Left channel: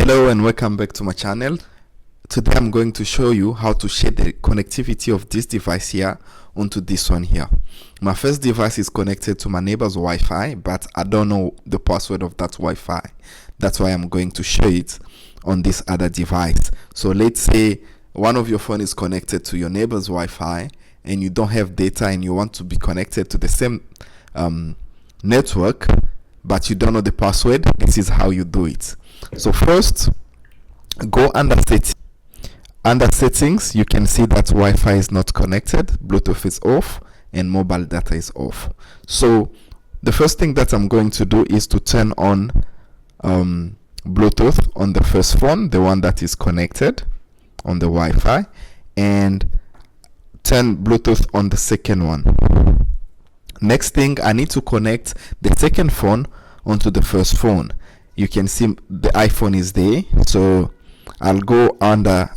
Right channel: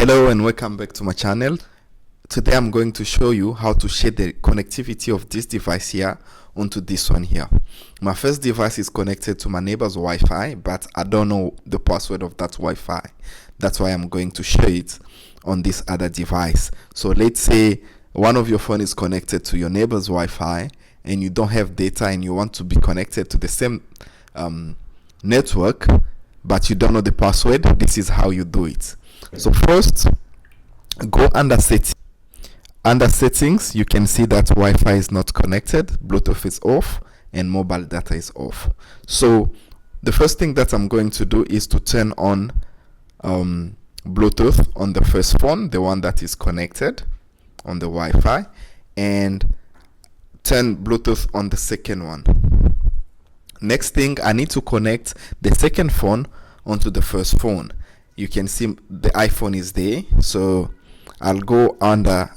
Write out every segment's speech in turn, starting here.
Hello and welcome back to my channel. Today I'm going to show you how to share the connectivity of this device here onto this one here. My first device is connected to my neighbor's Wi-Fi, but I don't know the password of that Wi-Fi. That's why I'm going to show it on this other device. So let's say one of your phone is connected to your neighbor's Wi-Fi and you don't have data and you want to be connected to the same network, but you don't know the password. This is how you do it. So first, go under settings. Under settings, you can see that Wi-Fi is not connected, Bluetooth is off, and mobile data is off. So the first thing that I'm going to do is to turn on Bluetooth on the first phone, the one that is connected on the Wi-Fi, and turn Bluetooth on the second one. Next thing, I need to connect the second phone onto the first phone. You can see the iPhone is there, so I'll go under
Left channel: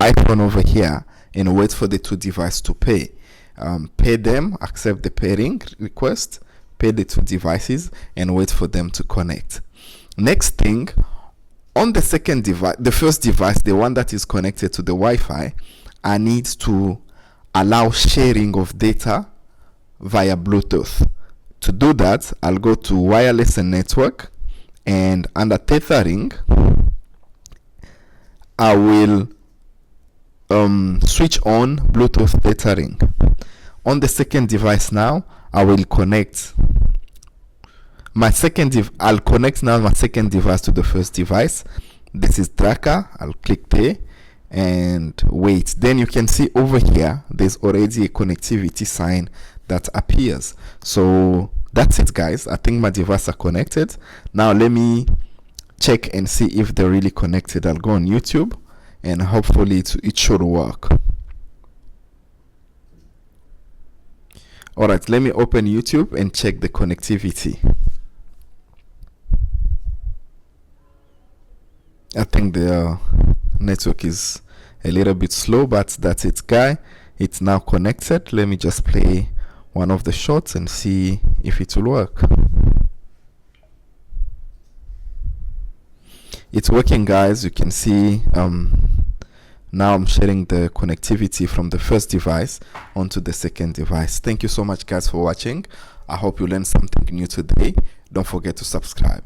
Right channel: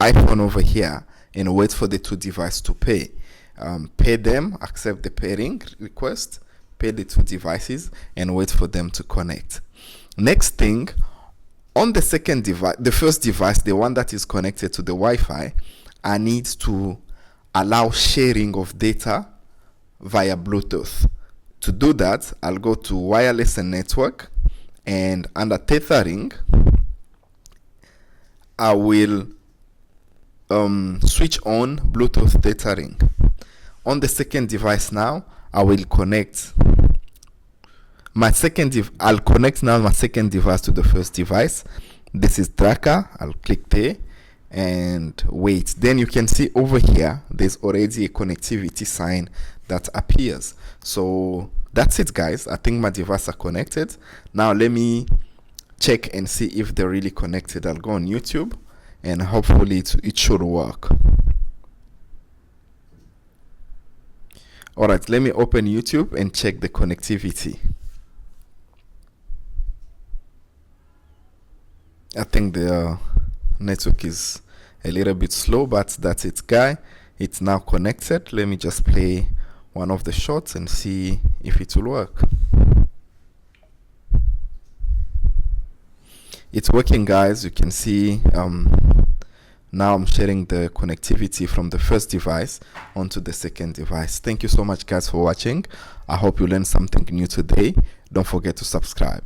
iPhone over here and wait for the two devices to pair. Pair them, accept the pairing request, pair the two devices, and wait for them to connect. Next thing, on the second device, the first device, the one that is connected to the Wi-Fi, I need to allow sharing of data via Bluetooth. To do that, I'll go to wireless and network, and under tethering, I will switch on Bluetooth tethering. On the second device now, I will connect my second I'll connect now my second device to the first device. This is tracker. I'll click there and wait. Then you can see over here there's already a connectivity sign that appears. So that's it, guys. I think my devices are connected. Now let me check and see if they're really connected. I'll go on YouTube and hopefully it should work. Alright, let me open YouTube and check the connectivity. I think the network is a little bit slow, but that's it, guy. It's now connected. Let me just play one of the shots and see if it will work. It's working, guys. You can see now I'm sharing the connectivity from the first device onto the second device. Thank you so much, guys, for watching. I hope you learned something new today. Don't forget to subscribe.